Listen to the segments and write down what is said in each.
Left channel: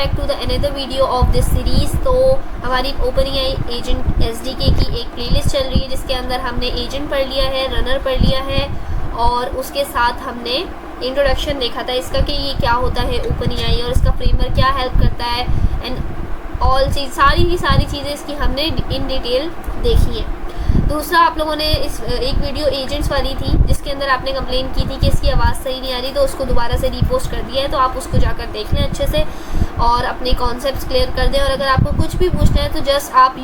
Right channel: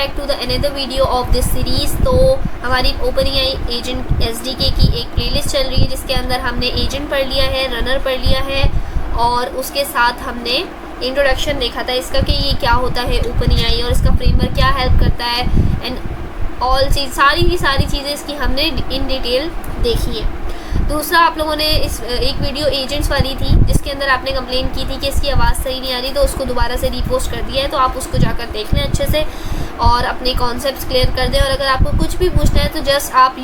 Back to the another video of this series. तो हमारी OpenAI agent SDK की एक प्लेलिस्ट चल रही है जिसके अंदर हमने एजेंट पढ़ लिया है, रनर पढ़ लिया है और उसके साथ हमने इंट्रोडक्शन देखा था इसका कि ये क्या होता है ओपनएआई और इसका फ्रेमवर्क क्या हेल्प करता है एंड ऑल चीज़ सारी चीज़ें इसकी हमने इन डिटेल देखी है। दूसरा, आप लोगों ने इस एक वीडियो एजेंट्स वाली थी जिसके अंदर आपने कंप्लेन की थी कि इसकी आवाज़ सही नहीं आ रही, तो उसको दोबारा से रीपोस्ट कर दिया है, तो आप उसको जाकर देख लें अच्छे से और अपने कॉन्सेप्ट्स क्लियर कर दें। और अगर आपको कुछ भी पूछना है तो जस्ट आप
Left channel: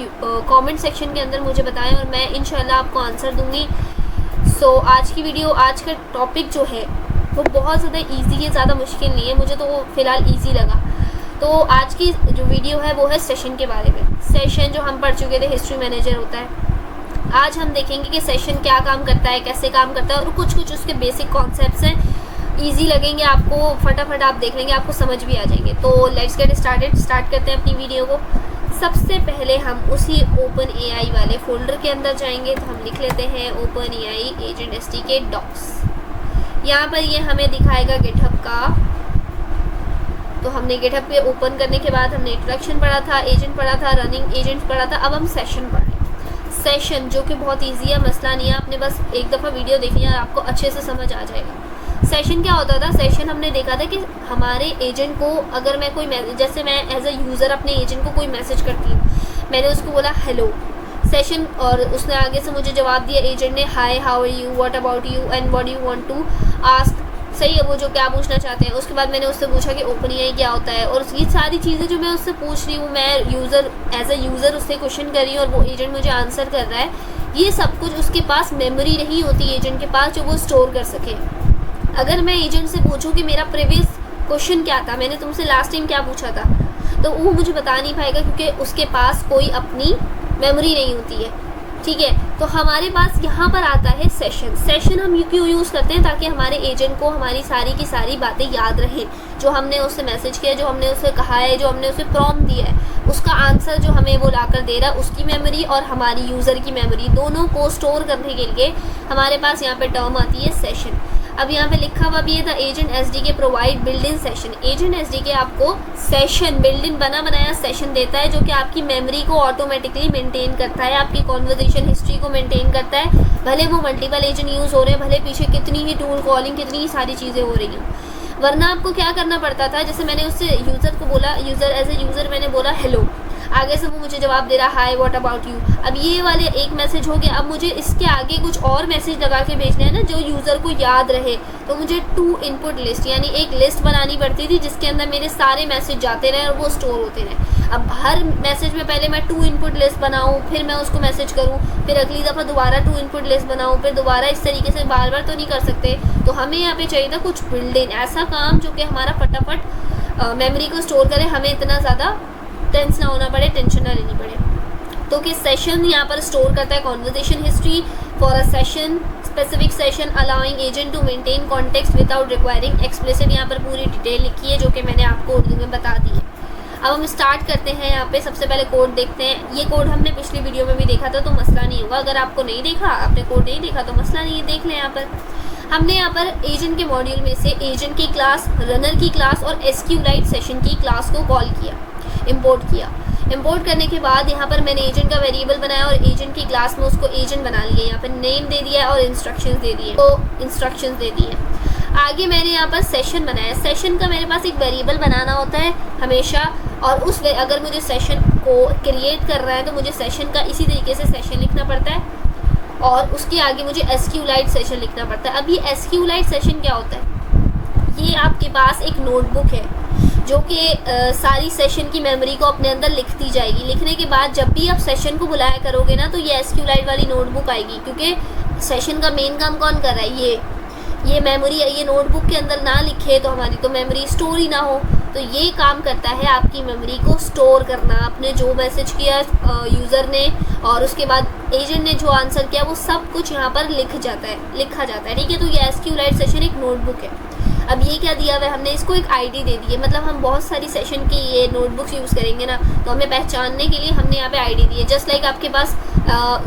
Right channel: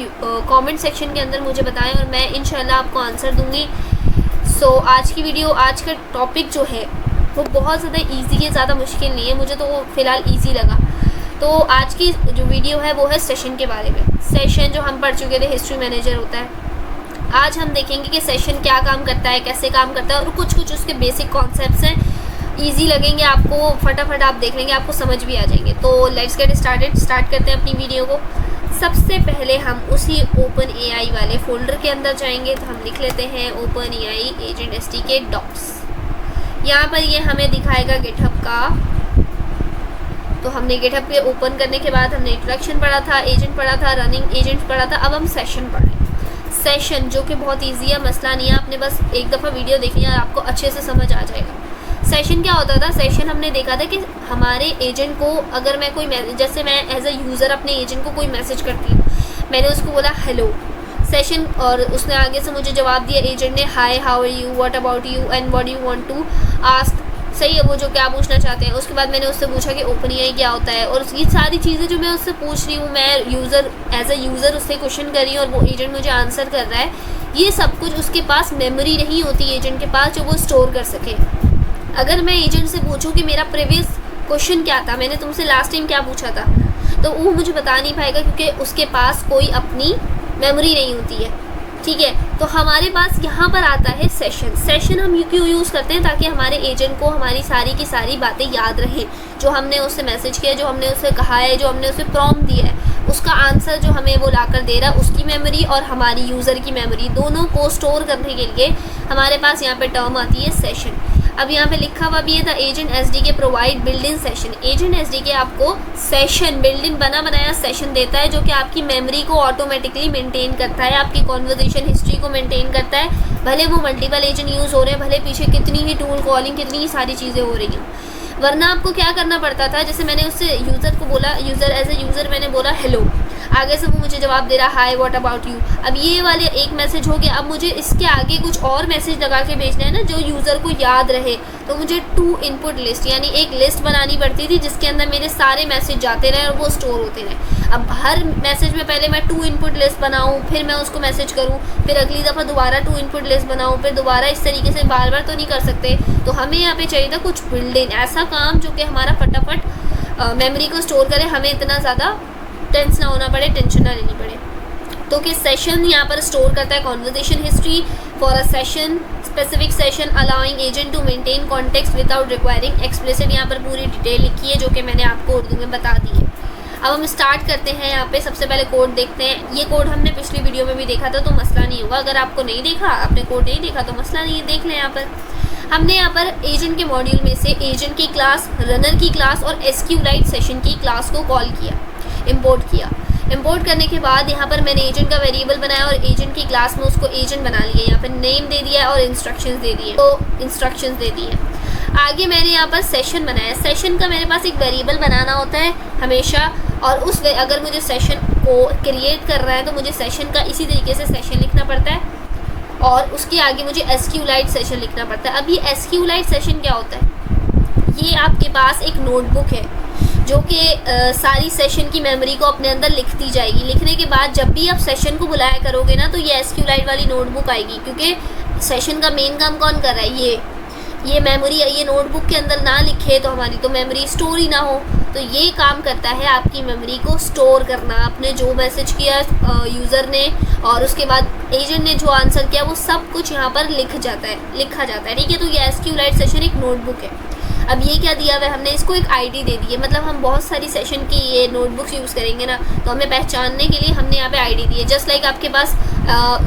कमेंट सेक्शन के अंदर मुझे बताएं और मैं इंशाल्लाह आपको आंसर दूँगी। सो आज की वीडियो, आज का टॉपिक जो है वो बहुत ज़्यादा ईजी है, ज़्यादा मुश्किल नहीं है, मुझे तो वो फ़िलहाल ईजी लगा। तो आज की जो वीडियो है वो है सेशन के बारे में। सेशन जो हम पढ़ चुके थे, हिस्ट्री मैनेजर होता है। आज हम देखेंगे कि सेशन क्या काम करता है, कैसे काम करता है और कुछ उसके बेसिक कॉन्सेप्ट्स हैं, इजी लगेंगे आपको, फटाफट आप देख लेंगे, आपको समझ भी आ जाएंगे। तो लेट्स गेट स्टार्ट करते हैं अपनी वीडियो को। सबसे पहले हम उसी ओपनएआई वाले फोल्डर के अंदर जाएंगे, तो हम लिख लेते हैं ओपनएआई एजेंट एसडीके डॉक्स। यहाँ पर ये हमें दिखाएगा गिटहब का। तो हमने गिटहब पे ओपन करने के बाद हमने इंट्रोडक्शन पढ़ा था, एजेंट पढ़ा था, रनिंग एजेंट पढ़ा था। अब हम सेशन पढ़ रहे हैं। सेशन जो कि बहुत इजी है, मसला नहीं है, आपने बस एक दफ़ा वीडियो देखनी है और आपको अच्छे से समझ आ जाएगा। सेशन क्या होता था? सेशन हमने देखा था कि हमारे एजेंट को अगर मैं कोई जैसे मैं एज अ यूज़र अपने एजेंट को कोई मैसेज करती हूँ, मैंने उसको बोला हेलो सेशन और उसने आगे से मुझे जवाब दिया, एजेंट ने hi how are you, what about you and what you want to ask. सही है, वो जो क्या पूछना चाहते हैं। उसके बाद मैंने उससे पूछा कि ओपनएआई क्या होता है और ये सारी चीज़ें जो मैं उससे पूछ रही हूँ, मैं यूज़र एज अ यूज़र उससे क्वेश्चन कर रही हूँ और वो एजेंट मुझे आंसर कर रहा है। ये सब कुछ उसके पास मेमोरी नहीं होती एजेंट के पास जो वो स्टोर कर सके। अगर मैं एजेंट से पूछूँ कि मेरा प्रीवियस क्वेश्चन क्या था, मैंने तुमसे लास्ट टाइम क्या पूछा था, तो वो मुझे बता नहीं पाएगा क्योंकि उसके पास कोई अपनी मेमोरी नहीं होती है। ठीक है, तो हमारे पास यहाँ पर आता है सेशन हम क्यों यूज़ करते हैं? ताकि हमारे एजेंट को हमारी सारी की सारी बातें याद रहें, जो हमने उससे मैसेज किया, जो हमने उससे कहा है, जो हमने उसे प्रॉम्प्ट दिया है, उसका आंसर जो हमें वो लाकर दे रहा है, उसकी मेमोरी और हमारी यूज़र की मेमोरी दोनों को स्टोर करने के लिए हमारे पास यहाँ पे टर्म आती है सेशन। अब यहाँ पे लिखा हुआ भी है, the agent SDK provide build in session. Agent SDK आपको सेशन बिल्ड इन बना बनाया सेशन देता है जो कि आपकी मेमोरी को ऑटोमेटिकली मेंटेन करता है, आपकी कॉन्वर्जेशन हिस्ट्री को मेंटेन करता है। भले वो मल्टीपल एजेंट यूज़ हो रहे हैं, भले पीछे कितनी ही टूल कॉलिंग, कितनी ही सारी चीज़ें हो रही हैं, वरना आपको क्या करना पड़ता था? जैसे मैंने उससे यूज़र को बोला, यूज़र एज ए यूज़र मैंने बोला हेलो, आगे से वो मुझे जवाब दे रहा हाय व्हाट अबाउट यू। अब ये वाले एक मैसेज हो गया, अब मुझे इसके आगे कुछ और मैसेज लगा के भेजना है ना जो यूज़र को याद रहे, तो मुझे 2 इनपुट लिस्ट यानी एक लिस्ट बनानी पड़ती थी जिसके अंदर मेरे सारे मैसेज जाते रहे और वो स्टोर होते रहे। अब हर मैसेज में पहले मैं 2 इनपुट लिस्ट बनाऊँ, फिर मैं उसको मैसेज करूँ, फिर अगली दफ़ा दोबारा 2 इनपुट लिस्ट बनाऊँ, फिर दोबारा, इस तरीके से बार बार तो नहीं कर सकते। तो हमें यहाँ पे चाहिए था कुछ बिल्ड इन, ऐसा काम जो कि हमारा फटाफट मेमोरी को स्टोर करे, हमें इतना ज़्यादा टेंस ना होना पड़े, टेंशन ना लेनी पड़े। तो कि सेशन यहाँ पर स्टोर करता है conversation history for a session, specific session allowing agent to maintain context without requiring explicit. यहाँ पर पूरी डिटेल लिखी है जो कि मैंने आपको उर्दू में बता दी है। अब हम स्टार्ट करते हैं। यहाँ पे सबसे पहले कोड देखते हैं। ये कोड हमने पिछली वीडियो में भी देखा था, तो मसला नहीं होगा। अगर आपको नहीं देखा, आपने कोड नहीं देखा तो मसला नहीं है, देख लें। यहाँ पर हमने यहाँ पर एजेंट के मॉड्यूल में से एजेंट की क्लास, रनर की क्लास और एसक्यूलाइट सेशन की क्लास को कॉल किया, इंपोर्ट किया। इंपोर्ट करने के बाद यहाँ पर मैंने एजेंट का वेरिएबल बनाया और एजेंट की क्लास में उसको एजेंट बना लिया। यहाँ पर नेम दे दिया है और इंस्ट्रक्शंस दे दिए, तो इंस्ट्रक्शंस दे दिए। आगे मैंने यहाँ पर सेशन बनाया। सेशन का मेरे पास एक वेरिएबल बनाना होता है हमेशा, और अगर मुझे सेशन को क्रिएट करना है तो मुझे सेशन का इसी तरीके से सेशन लिखना पड़ता है और उसके आगे मुझे एसक्यूलाइट सेशन लिखना पड़ता है। अब ये एसक्यूलाइट सेशन क्या होता है? ये आपके पास एक नोटबुक है जो कि सारी सेशन की मेमोरी को अपने अंदर लिखती जाएगी। लिखने के बाद जब भी आप सेशन को बुलाया करोगे ना, तो ये एसक्यूलाइट वाली नोटबुक आएगी, क्योंकि सेशन का मेन काम कौन कर रहा है? ये मेमोरी, ये नोटबुक के अंदर ना लिखे तो हमारी तो मेमोरी स्टोर ही ना हो। तो ये काम करता है आपकी मेमोरी को स्टोर करना। आपने जो मैसेज किया यूज़र ने और उसके बाद एजेंट ने जो आंसर किया, वो सब कुछ यहाँ पर लिखा जाता है। ठीक है, तो ये एसक्यूलाइट सेशन एक नोटबुक है। अब ये क्या दिया हुआ है, हमने इसको एक आईडी दे दी है, मतलब हम बहुत सारी सेशन की ये नोटबुक्स यूज़ करेंगे ना, तो हमें पहचानने के लिए हमने यहाँ पे आईडी दी है। जस्ट लाइक आपके पास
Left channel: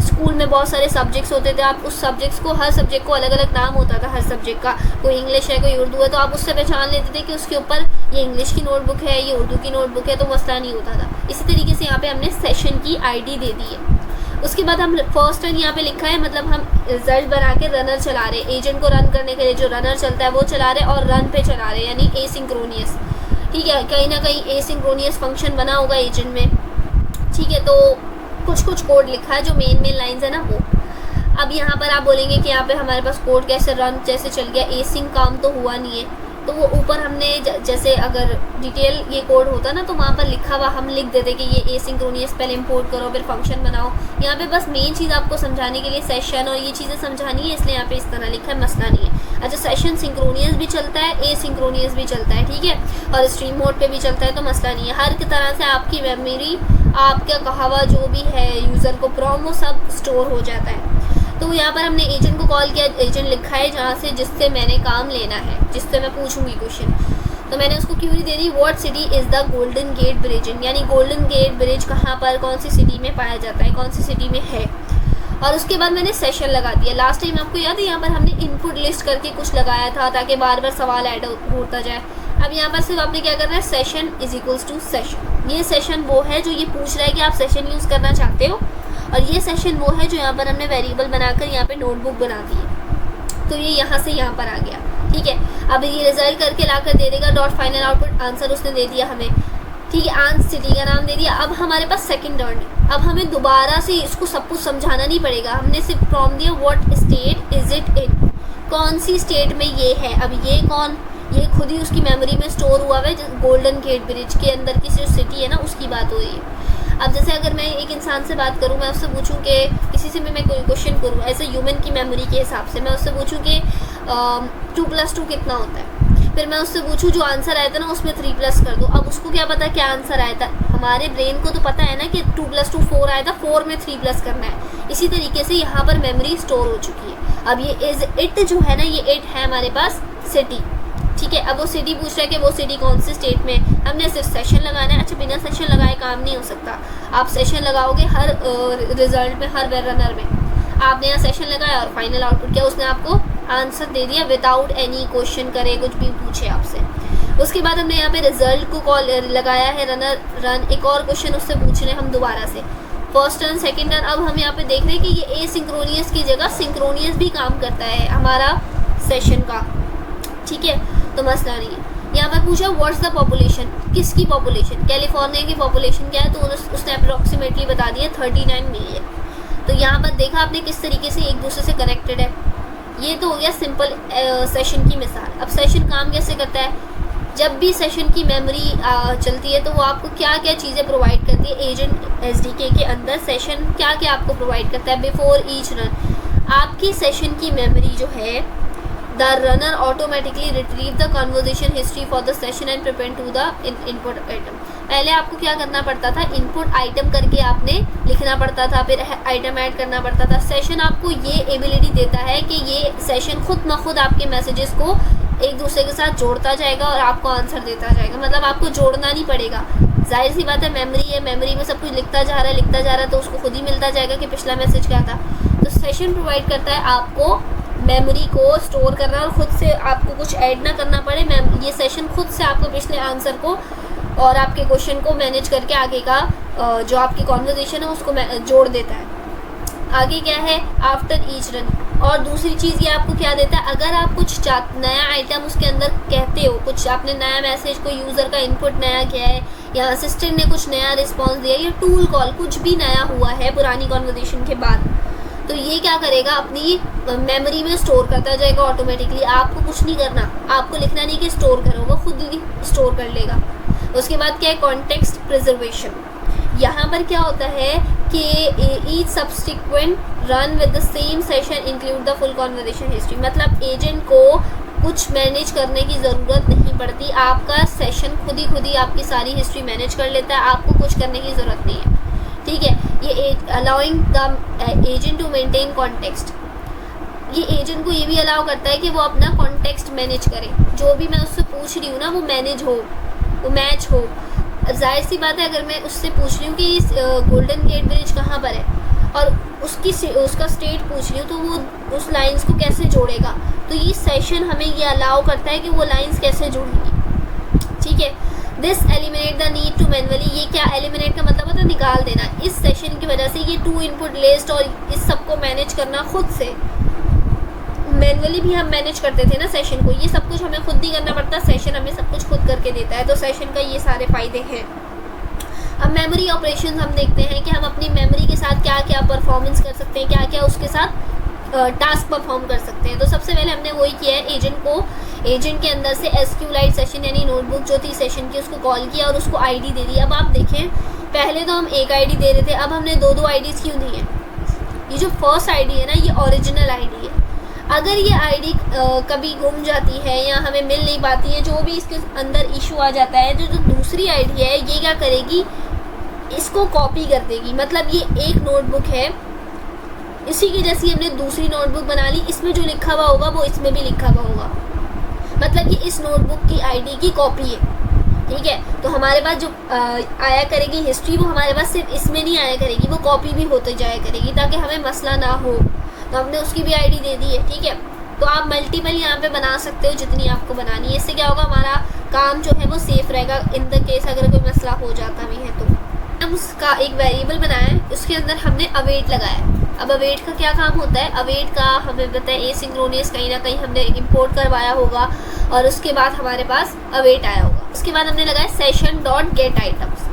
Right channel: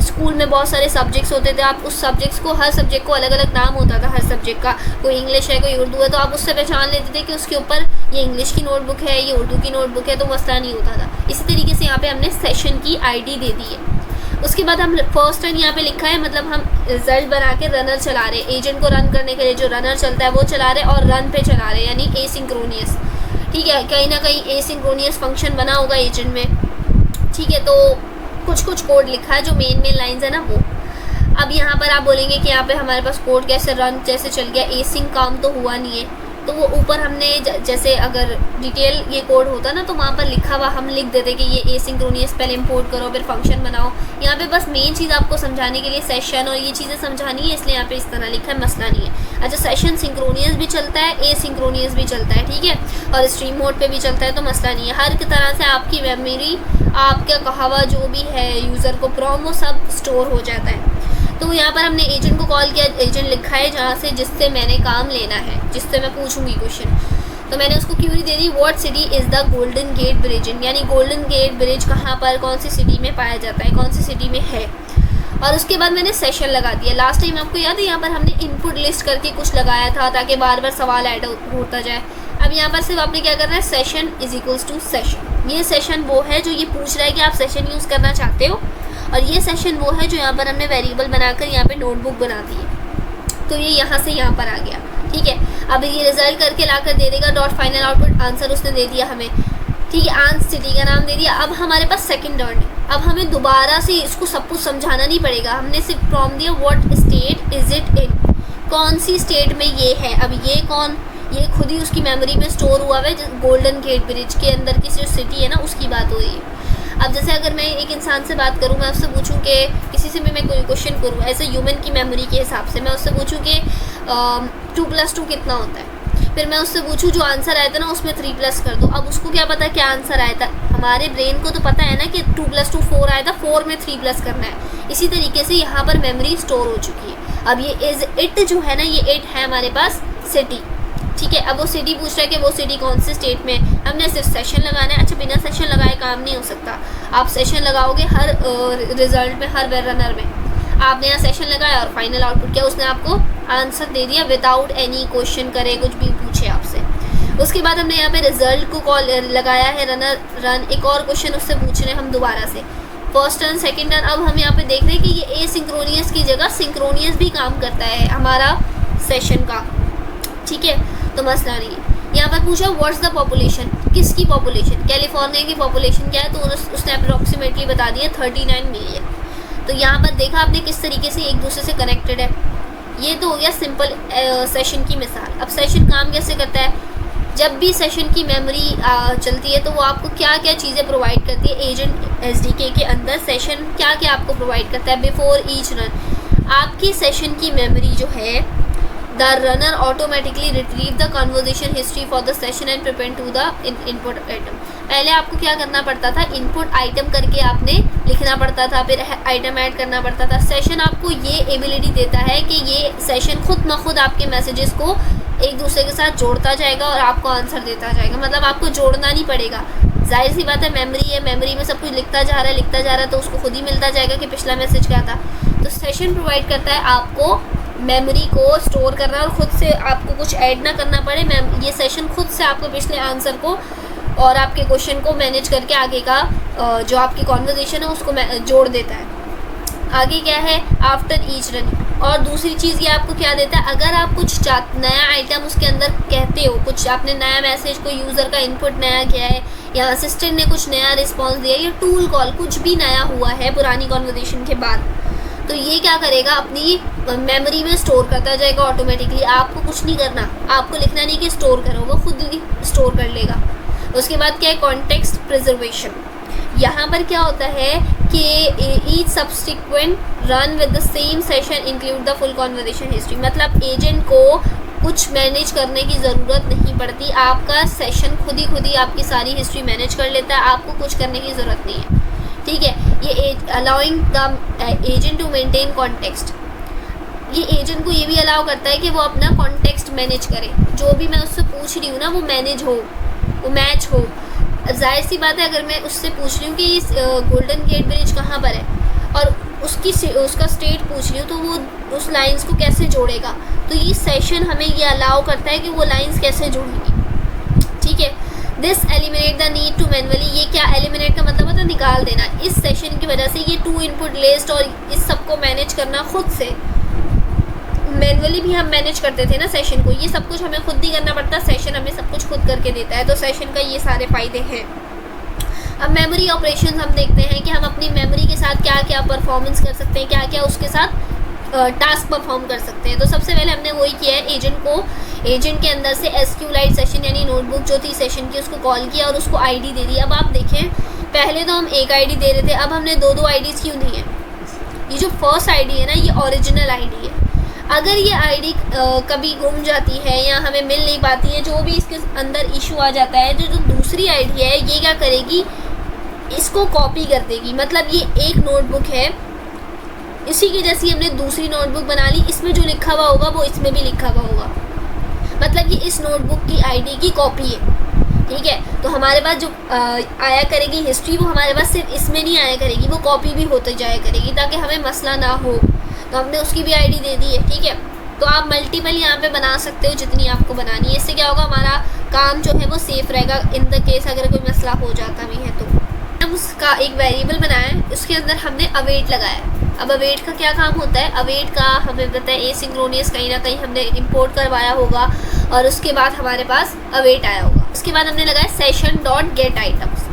स्कूल में बहुत सारे सब्जेक्ट्स होते थे, आप उस सब्जेक्ट्स को, हर सब्जेक्ट को अलग अलग नाम होता था हर सब्जेक्ट का, कोई इंग्लिश है कोई उर्दू है, तो आप उससे पहचान लेते थे कि उसके ऊपर ये इंग्लिश की नोटबुक है, ये उर्दू की नोटबुक है, तो मसला नहीं होता था। इसी तरीके से यहाँ पे हमने सेशन की आईडी दे दी है। उसके बाद हम फर्स्ट रन यहाँ पे लिखा है, मतलब हम रिजल्ट बना के रनर चला रहे, एजेंट को रन करने के लिए जो रनर चलता है वो चला रहे और रन पे चला रहे, यानी एसिंक्रोनियस। ठीक है, कहीं ना कहीं एसिंक्रोनियस फंक्शन बना होगा एजेंट में। ठीक है, तो कुछ कुछ कोड लिखा है जो मेन लाइंस है ना वो। अब यहाँ पर आप बोलेंगे कि यहाँ पे हमारे पास कोड कैसे रन जैसे चल गया, एसिंक काम तो हुआ नहीं है, तो वो ऊपर हमने जैसे अगर डिटेल ये कोड होता ना तो वहाँ पर लिखा हुआ हम लिख देते कि ये एसिंक्रोनियस पहले इंपोर्ट करो फिर फंक्शन बनाओ। यहाँ पे बस मेन चीज़ आपको समझाने के लिए सेशन और ये चीज़ें समझानी है, इसलिए यहाँ पे इस तरह लिखा है, मसला नहीं है। अच्छा, सेशन सिंक्रोनियस भी चलता है, एसिंक्रोनियस भी चलता है, ठीक है, और स्ट्रीम मोड पे भी चलता है, तो मसला नहीं है। हर तरह से आपकी मेमोरी, आपका कहा हुआ जो भी है यूज़र को प्रॉम्प्ट, वो सब स्टोर हो जाता है। तो यहाँ पर हमने एजेंट को कॉल किया, एजेंट लिखा है जहाँ से जिससे मैंने काम लेना है, जिससे मैं पूछूंगी क्वेश्चन, तो मैंने उसको क्यूरी दे दी, what city is the golden gate bridge, यानी गोल्डन गेट ब्रिज कहाँ पर, कौन सी सिटी में पाया जाता है, कौन सी सिटी में है। और उसके बाद मैंने सेशन लगा दिया। लास्ट टाइम आपको याद है यहाँ पर हमने इनपुट लिस्ट करके कुछ लगाया था ताकि बार बार सवाल ऐड होता जाए। अब यहाँ पर सिर्फ आपने क्या करना है, session is equals to session. ये सेशन वो है जो ये पूछ रहा है कि आप सेशन यूज़ करना चाहते हो, और ये सेशन वो है जो यहाँ पर हमने वेरिएबल बनाकर यहाँ पे नोटबुक बना दी है, तो ये यहाँ से यहाँ पर आ गया। ठीक है, अब ये रिजल्ट करके लाकर दे देगा डॉट फाइनल आउटपुट, आंसर उसने दे दिया हमें। ठीक है, आंस सिटी का नाम दे दिया। अब हमारे पास सेकंड टर्न है, अब हमें दोबारा से इसको सब कुछ समझाना नहीं पड़ेगा, हमने सिर्फ प्रॉम्प्ट दिया what state is it in, कौन सी स्टेट में ये है। अब ये कौन, ये खुद ही उसकी मेमोरी में स्टोर हुआ है, गोल्डन गेट ब्रिज के अंदर की जो सिटी है ना उसकी बात हो रही है। अब जैसे अगर मैं एक इंसान से बात करूं, मैं उससे पूछूं कि किसी से भी मैं कोई क्वेश्चन करूं ऐसे ह्यूमन की मेमोरी के हिसाब से, मैं उससे पूछूं कि 2+2 कितना होता है, फिर मैं उससे पूछूं जो आंसर आया था ना उसमें 3+ कर दो। अब उसको क्या पता क्या आंसर आया था, हमारे ब्रेन को तो पता है ना कि 2+2 4 आया था, 4 में 3+ करना है। इसी तरीके से यहाँ पर मेमोरी स्टोर हो चुकी है। अब ये इज इट जो है ना, ये इट है हमारे पास सिटी। ठीक है, अब वो सिटी पूछ रहा है कि वो सिटी कौन से स्टेट में, हमने सिर्फ सेशन लगाना है। अच्छा, बिना सेशन लगाए काम नहीं हो सकता, आप सेशन लगाओगे हर रिजल्ट में, हर रनर में। आपने यहाँ सेशन लगाया और फाइनल आउटपुट किया, उसने आपको आंसर दे दिया विदाउट एनी क्वेश्चन करे, कुछ भी पूछे आपसे। उसके बाद हमने यहाँ पे रिजल्ट को कॉल लगाया है रन, एक और क्वेश्चन उससे पूछ रहे हैं हम दोबारा से, फर्स्ट टर्न सेकेंड टर्न। अब हम यहाँ पे देख रहे हैं कि ये एसिंक्रोनियस की जगह सिंक्रोनियस भी काम करता है हमारा सेशन का। ठीक है, तो मसला नहीं है। यहाँ पर पूछा व्हाट्स द पॉपुलेशन, किसकी पॉपुलेशन, कैलिफोर्निया की पॉपुलेशन क्या है, तो उसने अप्रोक्सीमेटली बता दिया 39 मिलियन। तो यहाँ पर देखा आपने किस तरीके से एक दूसरे से कनेक्टेड है। ये तो हो गया सिंपल सेशन की मिसाल। अब सेशन काम कैसे करता है, जब भी सेशन की मेमोरी चलती है तो वो आपको क्या क्या चीज़ें प्रोवाइड करती है। एजेंट एसडीके के अंदर सेशन क्या क्या आपको प्रोवाइड करता है। बिफोर ईच रन आपकी सेशन की मेमोरी जो है, the runner automatically retrieve the conversation history for the session and prepare to the input item. पहले आपको क्या करना पड़ता था, इनपुट आइटम करके आपने लिखना पड़ता था, फिर आइटम ऐड करना पड़ता था। सेशन आपको ये एबिलिटी देता है कि ये सेशन खुद ब खुद आपके मैसेजेस को एक दूसरे के साथ जोड़ता जाएगा और आपको आंसर देता जाएगा, मतलब आपको जोड़ना नहीं पड़ेगा। जाहिर सी बात है, मेमोरी है, मेमोरी में सब कुछ लिखता जा रहा है तो उसको खुद ही मिलता जाएगा कि पिछला मैसेज क्या था। तो सेशन प्रोवाइड करता है आपको मेमोरी को स्टोर करना और ख़ुद से आपको कुछ ऐड ना करना पड़े। ये सेशन खुद से आपको पिछले आंसर को और आपके क्वेश्चन को मैनेज करके आगे का जो आपकी कॉन्वर्जेशन है उसको जोड़ देता है। आगे क्या है, आफ्टर ईच रन। और दूसरी चीज़ ये आपको क्या देता है, अगर आप कुछ नया आइटम उसके अंदर कहते हो, कुछ आपने नया मैसेज, कोई यूज़र का इनपुट नया किया है या असिस्टेंट ने कुछ नया रिस्पॉन्स दिया या टूल कॉल कुछ भी नया हुआ है पुरानी कॉन्वर्जेशन के बाद, तो ये क्या करेगा, अपनी मेमोरी में स्टोर करता जाएगा ऑटोमेटिकली। आपको कुछ नहीं करना, आपको लिखना नहीं कि स्टोर करो, वो खुद ही स्टोर कर लेगा। उसके बाद क्या है, कॉन्टेक्स्ट प्रिजर्वेशन। यहाँ पर क्या होता है कि each subsequent run with the same session include the full conversation history, मतलब एजेंट को कुछ मैनेज करने की ज़रूरत नहीं पड़ती, आपका सेशन खुद ही आपकी सारी हिस्ट्री मैनेज कर लेता है, आपको कुछ करने की ज़रूरत नहीं है। ठीक है, ये allowing the agent to maintain context. ये एजेंट को ये भी अलाउ करता है कि वो अपना कॉन्टेक्स्ट मैनेज करे, जो भी मैं उससे पूछ रही हूँ ना वो मैनेज हो, वो मैच हो। जाहिर सी बात है, अगर मैं उससे पूछ रही हूँ कि इस गोल्डन गेट ब्रिज कहाँ पर है और उसका स्टेट पूछ रही हूँ, तो वो उस लाइंस को कैसे जोड़ेगा, तो ये सेशन हमें ये अलाउ करता है कि वो लाइंस कैसे जुड़ेंगी। ठीक है, this eliminate the need to manually, ये क्या एलिमिनेट का मतलब होता है निकाल देना। इस सेशन की वजह से ये 2 इनपुट लिस्ट और इस सबको मैनेज करना खुद से, मैनुअली भी हम मैनेज करते थे ना सेशन को, ये सब कुछ हमें खुद ही करना पड़ता है, सेशन हमें सब कुछ खुद करके देता है, तो सेशन का ये सारे फ़ायदे हैं। अब मेमोरी ऑपरेशन हम देखते हैं कि हम अपनी मेमोरी के साथ क्या क्या परफॉर्मेंस कर सकते हैं, क्या क्या उसके साथ टास्क परफॉर्म कर सकते हैं। तो सबसे पहले हमने वही किया है, एजेंट के अंदर से SQLite सेशन यानी नोटबुक जो थी सेशन की उसको कॉल किया और उसको ID दे दी। अब आप देखें, पहले तो हम एक ID दे रहे थे, अब हमने 2 IDs क्यों दी हैं। ये जो फर्स्ट ID है ना, ये ओरिजिनल ID है। अगर ये ID कभी गुम जाती है या हमें मिल नहीं पाती है, जो भी इसके अंदर इशू आ जाता है, जो दूसरी ID है ये क्या करेगी, इसको कॉपी कर देगी। मतलब ये एक नोटबुक है, इसी की जैसी हमने दूसरी नोटबुक बना ली, इसमें जो लिखा हुआ होगा वो इसमें भी लिखा हुआ होगा, मतलब ये इस नोटबुक की ID की कॉपी है। ठीक है, तो हमारे पास जो आया करेगी हिस्ट्री, वो हमारे पास सिर्फ इसमें नहीं आया करेगी, वो कॉपी भी होते जाया करेगी ताकि हमें मसला ना हो। तो हमने उसकी भी ID दे दी है। ठीक है, तो आप मल्टीपल यहाँ पे बना सकते हो जितनी आपको बनानी है। इससे क्या होगा, हमारा काम जो है वो सेफ़ रहेगा इन द केस अगर कोई मसला हो जाता भी है। तो हम उसका एक वेरिएबल बनाया है, उसके अंदर हमने अवेट लगाया। अब अवेट का क्या काम होता है, अवेट का हमें पता है एसिंक्रोनियस कहीं ना कहीं हमने इंपोर्ट करवाया होगा और उसके बाद हमारे पास अवेट आया होगा। उसके बाद हमने लगाया सेशन डॉट गेट आइटम्स।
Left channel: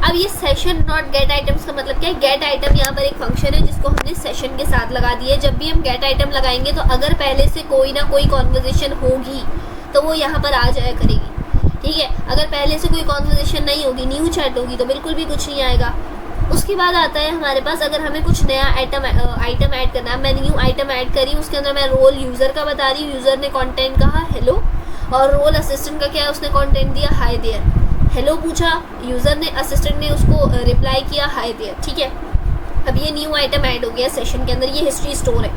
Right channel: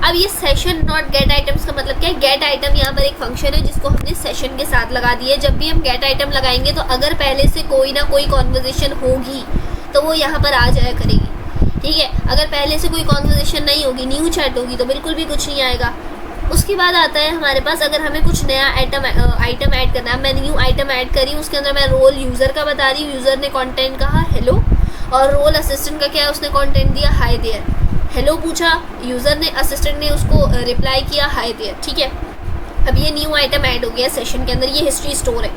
अब ये सेशन डॉट गेट आइटम्स का मतलब क्या है, गेट आइटम यहाँ पर एक फंक्शन है जिसको हमने सेशन के साथ लगा दिया है। जब भी हम गेट आइटम लगाएंगे तो अगर पहले से कोई ना कोई कॉन्वर्जेशन होगी तो वो यहाँ पर आ जाया करेगी। ठीक है, अगर पहले से कोई कॉन्वर्जेशन नहीं होगी, न्यू चैट होगी, तो बिल्कुल भी कुछ नहीं आएगा। उसके बाद आता है हमारे पास, अगर हमें कुछ नया आइटम ऐड करना है, मैं न्यू आइटम ऐड करी हूँ, उसके अंदर मैं रोल यूज़र का बता रही हूँ, यूज़र ने कंटेंट कहा हेलो, और रोल असिस्टेंट का क्या है, उसने कंटेंट दिया हाय देयर। हेलो पूछा यूज़र ने, असिस्टेंट ने उसको रिप्लाई किया हाय देयर। ठीक है, अब ये न्यू आइटम ऐड हो गया सेशन के अंदर, ये हिस्ट्री स्टोर है।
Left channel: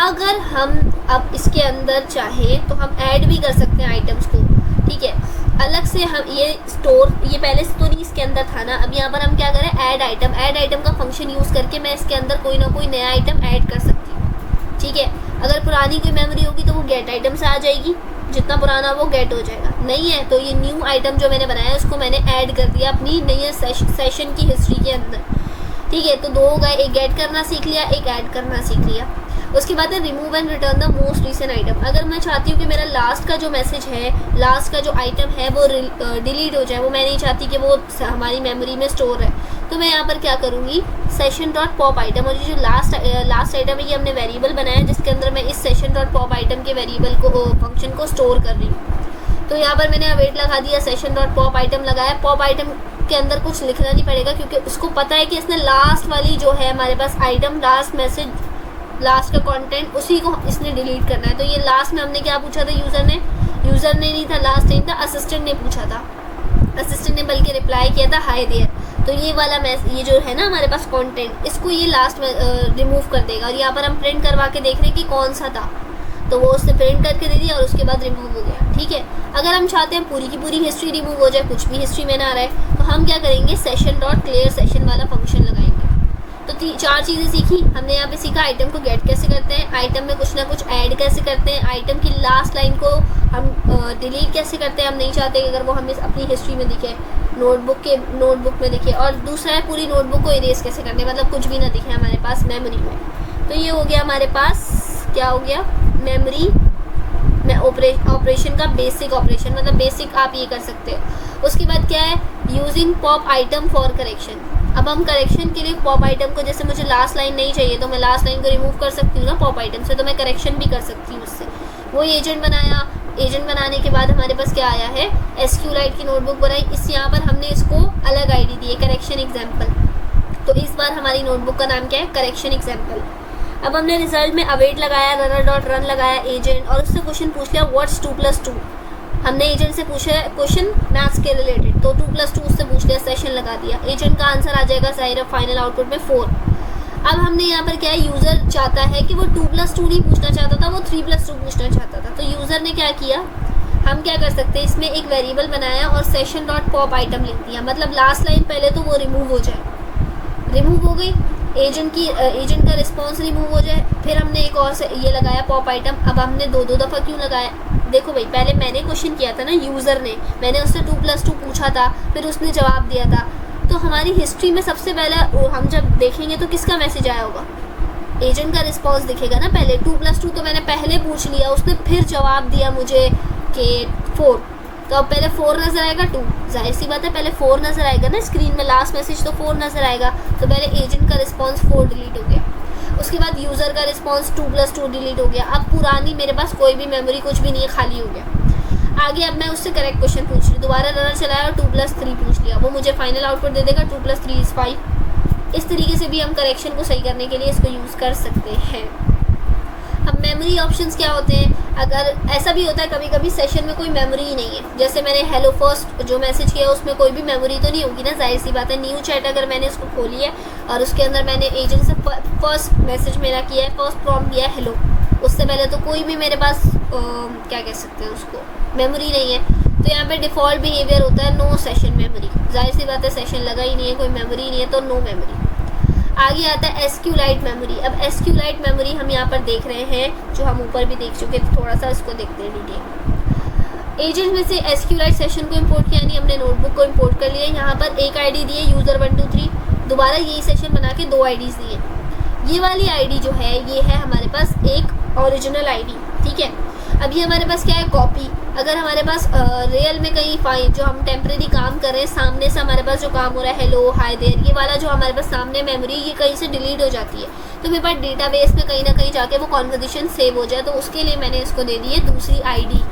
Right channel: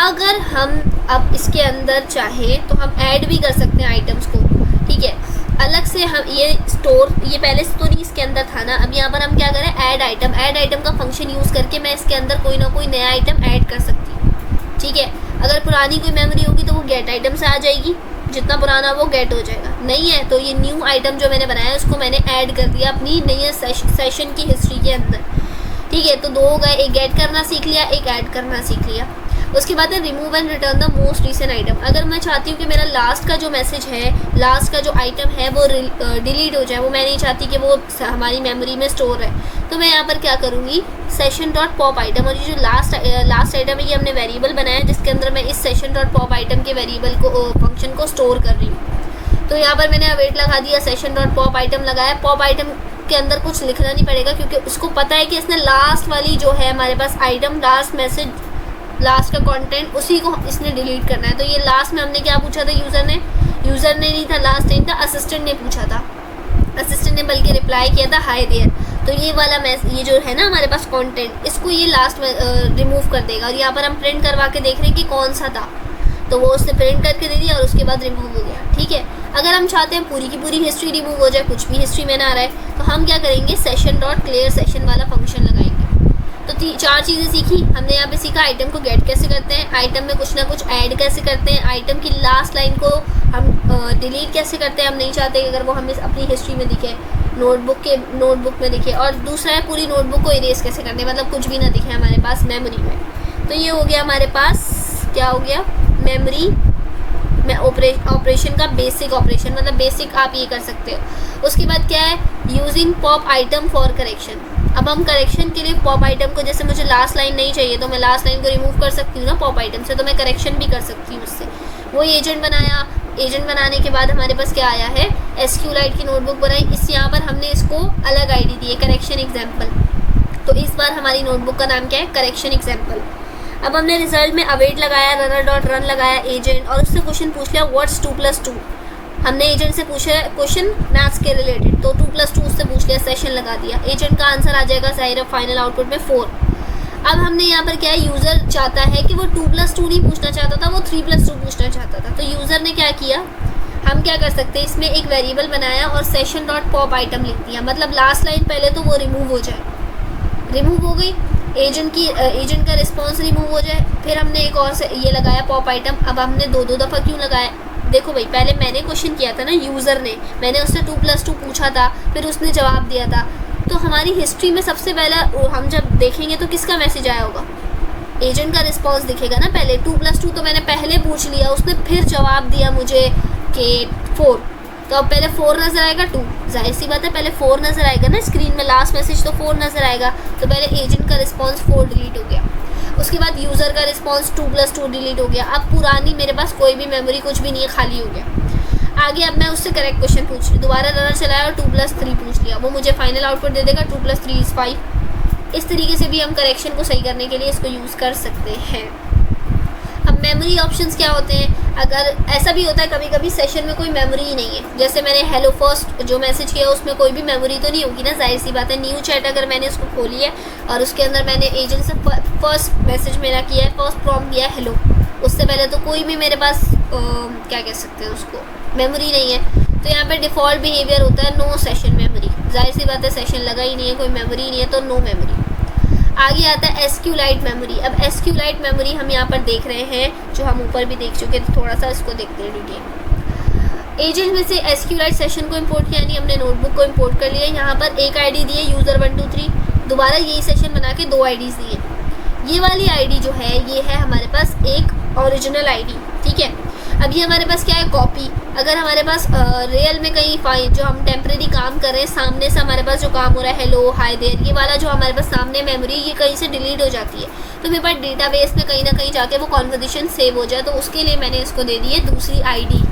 अगर हम अब इसके अंदर चाहें तो हम ऐड भी कर सकते हैं आइटम्स को। ठीक है, अलग से हम ये स्टोर, ये पहले से तो नहीं इसके अंदर था ना, अब यहाँ पर हम क्या करें, ऐड आइटम का फंक्शन यूज़ करके मैं इसके अंदर कोई ना कोई नया आइटम ऐड कर सकती हूँ। ठीक है, अगर पुरानी कोई मेमोरी होगी तो वो गेट आइटम से आ जाएगी, जितना पुराना वो गेट हो जाएगा। नहीं है तो ये न्यू आइटम जो मैंने बनाया है उसको मैंने ऐड कर दिया अपनी नई सेशन की हिस्ट्री के अंदर। ठीक है, तो 2 हो गए, एक गेट करना सीख लिया, एक ऐड करना सीख लिया। उसके बाद है remove and return the most recent item. अगर मैं चाहती हूँ कि मेरा लास्ट का जो मैसेज है, लास्ट का जो आइटम है वो डिलीट हो जाए, वो मैं नहीं चाहती कि वो हमारी मेमोरी में स्टोर है, तो मैं यहाँ पर क्या करूँगी, सेशन डॉट पॉप आइटम, और ये जो लास्ट आइटम है ये हमने वेरिएबल बनाया है जिसके अंदर मैं इस सेशन डॉट पॉप आइटम के वेरिएबल को फंक्शन को स्टोर कर रही हूँ। तो यहाँ पर मैंने अवेट लगा दिया, सेशन डॉट पॉप आइटम लगाया। पॉप आइटम के अंदर कुछ लिखना नहीं पड़ेगा क्योंकि उसको पता है कि इसने लास्ट वाली जो है हमारे पास आइटम, लास्ट मैसेज, लास्ट का कंटेंट, उसी को इसने डिलीट करना है। तो ये लास्ट में हमने क्या पूछा था, यूज़र ने नहीं था, लास्ट टाइम था, असिस्टेंट ने पूछा था, असिस्टेंट ने बल्कि रिप्लाई किया था हाय देयर। तो ये वाला ये जो है ना हमारे पास कंटेंट, इसको ये लास्ट में रिमूव कर देगा। और यहाँ पर हम प्रिंट करवा के देख रहे हैं कि कौन सा था, तो वो उसने प्रिंट करके दे दिया और उसके बाद रिमूव हो गया। ठीक है, अगर हम चाहते हैं पूरी की पूरी हिस्ट्री रिमूव हो जाए, कुछ भी हिस्ट्री में ना आ रहा है, तो हम क्या करेंगे, सेशन डॉट क्लियर सेशन वाला फंक्शन लगाएंगे। तो 4 चीज़ें सीखी हमने। यहाँ पे सीखा आइटम को गेट कैसे करते हैं, आइटम में कुछ ना कुछ ऐड कैसे करते हैं, आइटम की लास्ट लाइन को हम डिलीट कैसे करते हैं, हम नहीं चाहते कि अगर वो हमें अपनी हिस्ट्री में दिखे, नोटबुक में दिखे। और दूसरा है पूरी नोटबुक को इरेज कैसे करते हैं, मतलब कुछ भी ना दिखे हमारे पास मेमोरी में। तो ये हो गया हमारे पास, क्या हो गया, मेमोरी में ऑपरेशन का बेसिक ऑपरेशन, मतलब बेसिक आप ये कर सकते हो। उसके बाद क्या है, using pop item for correction. अब हम करेक्शन के लिए पॉप आइटम को, जैसे मुझे लास्ट लाइन नहीं चाहिए तो मैं लास्ट लाइन को रिमूव कर सकती हूँ ना पॉप आइटम से, तो मैं करेक्शन भी कर सकती हूँ उससे। वो एजेंट बनाया, एजेंट बनाने के बाद हमारे पास क्या आया है, SQLite की नोटबुक बनाई। इस यहाँ पर हमने इसको अलग ID दी है, करेक्शन एग्जाम्पल। तो इस बार हमारी नोटबुक का नाम क्या है, करेक्शन एग्जाम्पल। अब हमने रिजल्ट में अवेट लगाया, रनर डॉट रन लगाया एजेंट, और उससे क्वेश्चन पूछ लिया व्हाट्स 2 + 2। हमने एजेंट से पूछा क्वेश्चन मैथ्स के रिलेटेड, तो 2 + 2 उससे पूछ लिया, सेशन लगा दिया, एजेंट का आंसर आ जाएगा जाहिर फाइनल आउटपुट में 4। अब हमने यहाँ पर क्या है, यूज़र चाहता है कि वो 2+2 नहीं पूछना चाहता था, वो 3+2 पूछना चाहता था। तो यूज़र ने क्या किया, हम क्या कर सकते हैं, इसमें एक वेरिएबल बनाया और सेशन डॉट पॉप आइटम लिख दिया। मतलब लास्ट लाइन पहले तो वो रिमूव हो जाए, रिमूव हो गई, एजेंट का रिस्पॉन्स रिमूव हो जाए। फिर हमने एक और से ये लगाया पॉप आइटम। अब हमने दो दफ़ा क्यों लगाया, देखो भाई पहले मैंने क्वेश्चन किया था ना, यूज़र ने, मैंने उससे 2+2 पूछा था, फिर उसने जवाब दिया था। तो हमारी हिस्ट्री में सबसे पहले हम जब देखेंगे तो किसका मैसेज आया होगा, एजेंट का रिस्पॉन्स दिखेगा ना पहले। 2+2 तो मैंने पहले पूछ लिया, उसने फिर जवाब दिया मुझे कि 4, तो अब पहले 4 नज़र आएगा, 2, जाहिर सी बात है पहले 4 नज़र आएगा ना स्क्रीन में, लास्ट मैसेज तो 4 नज़र आएगा। तो पहले एजेंट का रिस्पॉन्स 4 डिलीट हो गया, उसके बाद यूज़र का रिस्पॉन्स 2+2 डिलीट हो गया। अब पुरानी मेरे पास कोई भी मेमोरी कुछ भी नहीं है, खाली हो गया। आगे अब मैं उससे करेक्ट क्वेश्चन पूछ रही, दोबारा रनर चलाया और 2+3 पूछ लिया, वो मुझे फाइनल आउटपुट दे देगा 2+3 = 5। इस तरीके से भी हम करेक्शन को सही करने के लिए इसको यूज़ कर सकते हैं। अब मेमोरी ऑप्शंस क्या होते हैं, अगर ऐसा भी होता है कभी कभी सेशन में कोई मेमोरी ही नहीं है, जैसे मैंने हेलो फर्स्ट जो मैसेज किया उसमें कोई भी मेमोरी तो नहीं होगी ना, जाहिर सी बात है। न्यू चैट अगर मैंने उसको खोली है और उसके अंदर मैंने एजेंट से फर्स्ट मैसेज मेरा किया है, फर्स्ट प्रॉम्प्ट किया है हेलो, उससे पहले तो कोई भी मेरे पास क्या कह सकते हैं उसको, मेमोरी नहीं है। तो यहाँ पे डिफ़ॉल्ट बिहेवियर होता है नो सेशन मेमोरी, जाहिर सी बात है सेशन लगा ही नहीं है, कोई मेमोरी नहीं है तो नो मेमोरी। आगे आता है SQLite मेमोरी। अब SQLite मेमोरी हम यहाँ पर देख रहे हैं, जो हम ऊपर भी देख चुके थे, थोड़ा सा इसको देखते हैं डिटेल। एजेंट में से SQLite सेशन को इंपोर्ट किया, यानी हमने नोटबुक को इंपोर्ट कर लिया। यहाँ पर एक आईडी दी है यूज़र 1 2 3, दोबारा यही सेशन बना के 2 आईडीज़ दिए। ये वाली आईडी जो है ये है हमारे पास एक ओरिजिनल आईडी, ठीक है। अब ये हमारे पास क्या है, कॉपी। अगर हमारे पास रियल में कहीं फाइल जो हम टेम्प्रेरी काम कर रहे हैं, सामने से हमारे पास जो काम हो रहा है हेलो हाय देयर, ये वाला जो हमारे पास सामने मेमोरी ये कहीं से डिलीट हो जाती है, तो मेरे पास डेटाबेस में कहीं ना कहीं जाके वो कॉन्वर्सेशन सेव हो जाए। तो उसके लिए मैंने इसको दे दी है दूसरी आईडी,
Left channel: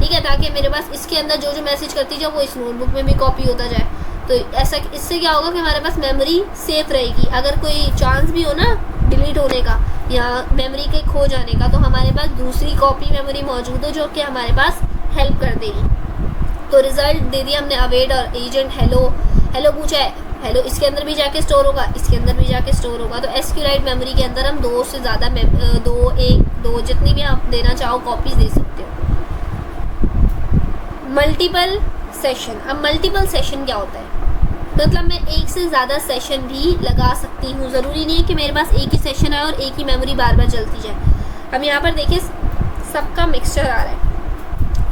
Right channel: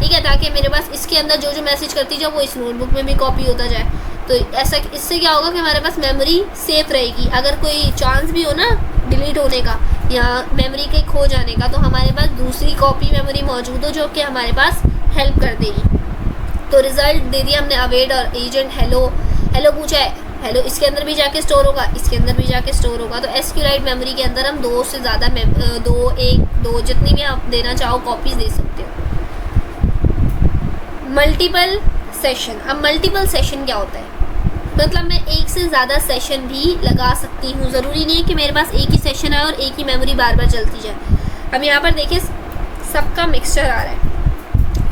ठीक है, ताकि मेरे पास इसके अंदर जो जो मैसेज करती जाए वो इस नोटबुक में भी कॉपी होता जाए। तो ऐसा इससे क्या होगा कि हमारे पास मेमोरी सेफ रहेगी। अगर कोई चांस भी हो ना डिलीट होने का या मेमोरी के खो जाने का, तो हमारे पास दूसरी कॉपी मेमोरी मौजूद हो जो कि हमारे पास हेल्प कर देगी। तो रिज़ल्ट दे दिया हमने अवेट और एजेंट हेलो हेलो पूछा है, हेलो इसके अंदर भी जाके स्टोर होगा, इसके अंदर भी जाके स्टोर होगा। तो SQLite मेमोरी के अंदर हम 2 से ज़्यादा 2 जितनी भी आप देना चाहो कॉपीज़ दे सकते हो। Multiple session. अब मल्टीपल सेशन क्या होता है, मतलब मैं एक से ज़्यादा सेशन भी लगा सकती हूँ, ज़रूरी नहीं है कि मेरे पास एक ही सेशन आए और एक ही मेमोरी बार बार चलती जाए। अब यहाँ पर देखिए सबका मिक्सचर आ रहा है।